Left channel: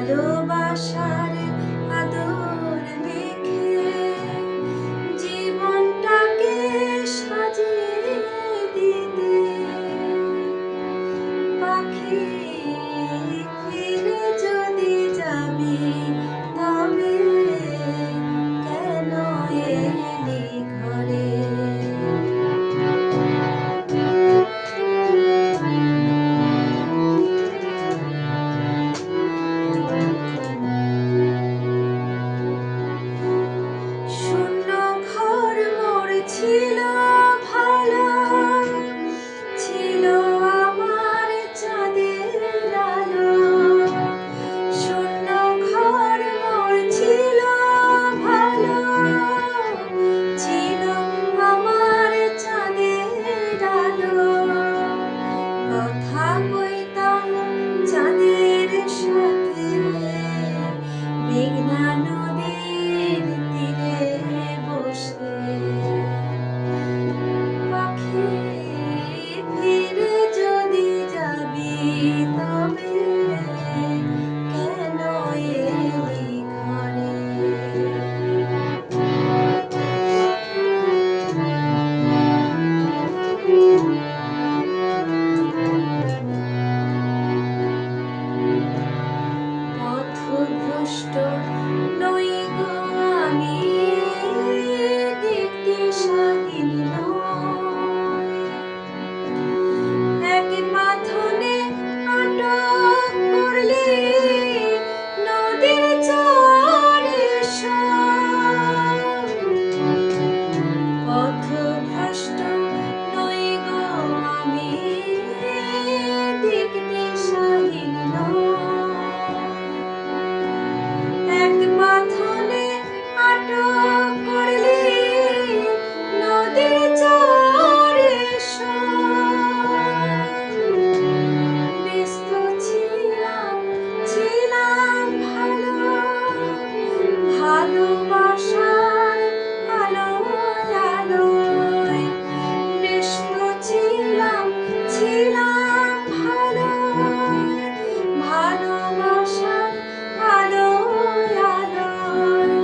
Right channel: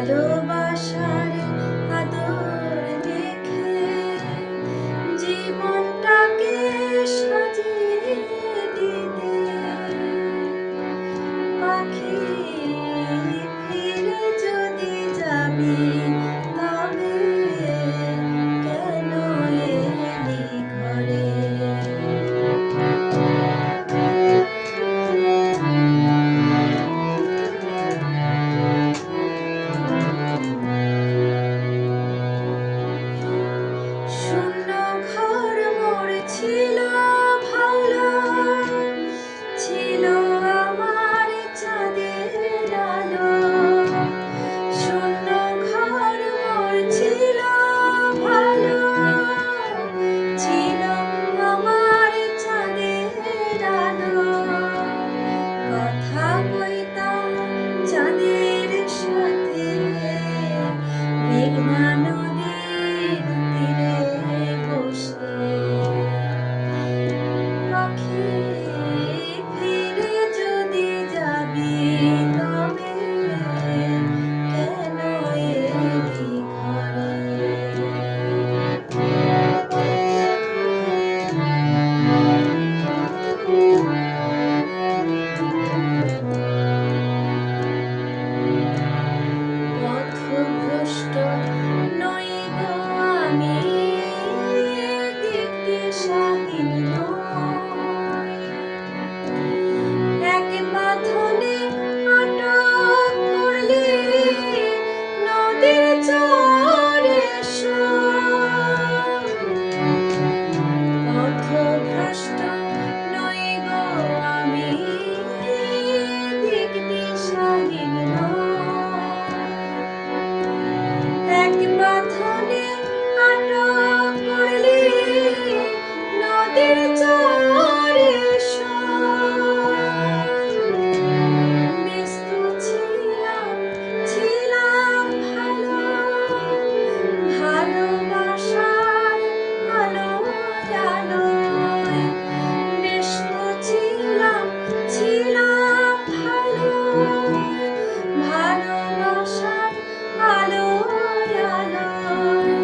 ভালোবাসার আদর মেখে জীবনটাকে সাজিয়ে দিতে পাখি ফিরে যদি যাবি তবে কেন এলি ঘরে? শূন্য ঘর মোর ছিল ভালো, ছিল আমার চাঁদের আলো। শূন্য ঘর মোর ছিল ভালো, ছিল আমার চাঁদের আলো। কথা কইতাম চাঁদের সাথে মেঘনা নদীর তীরে বসে। পাখি ফিরে যদি যাবি তবে কেন এলি ঘরে? পথভ্রষ্ট নই গো আমি, দিকদিশাহীন নই। এক বাঁধনে আটক করলি নদীর চরে সই। পথভ্রষ্ট নই গো আমি, দিকদিশাহীন নই। এক বাঁধনে আটক করলি নদীর চরে সই। ব্যস্ত ছিলাম ছিলাম ভালো, ভালোবাসার আলোয় আলোয়। ব্যস্ত ছিলাম ছিলাম ভালো, ভালোবাসার আলোয় আলোয়।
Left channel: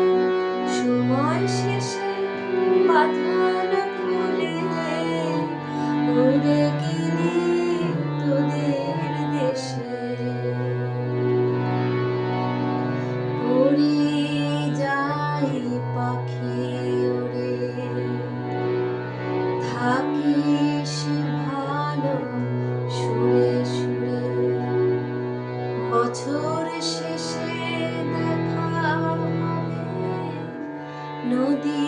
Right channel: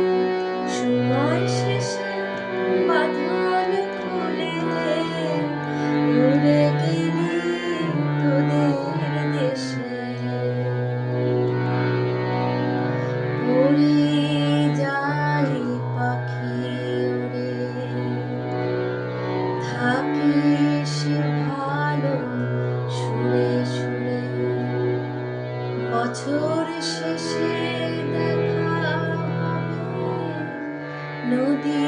সময় শেষে বাঁধন খুলে উড়ে গেলি তোদের দেশে। উড়ে যাই পাখি উড়ে, থাকিস ভালো সুরে সুরে। বছর শেষে দেখা হবে নদী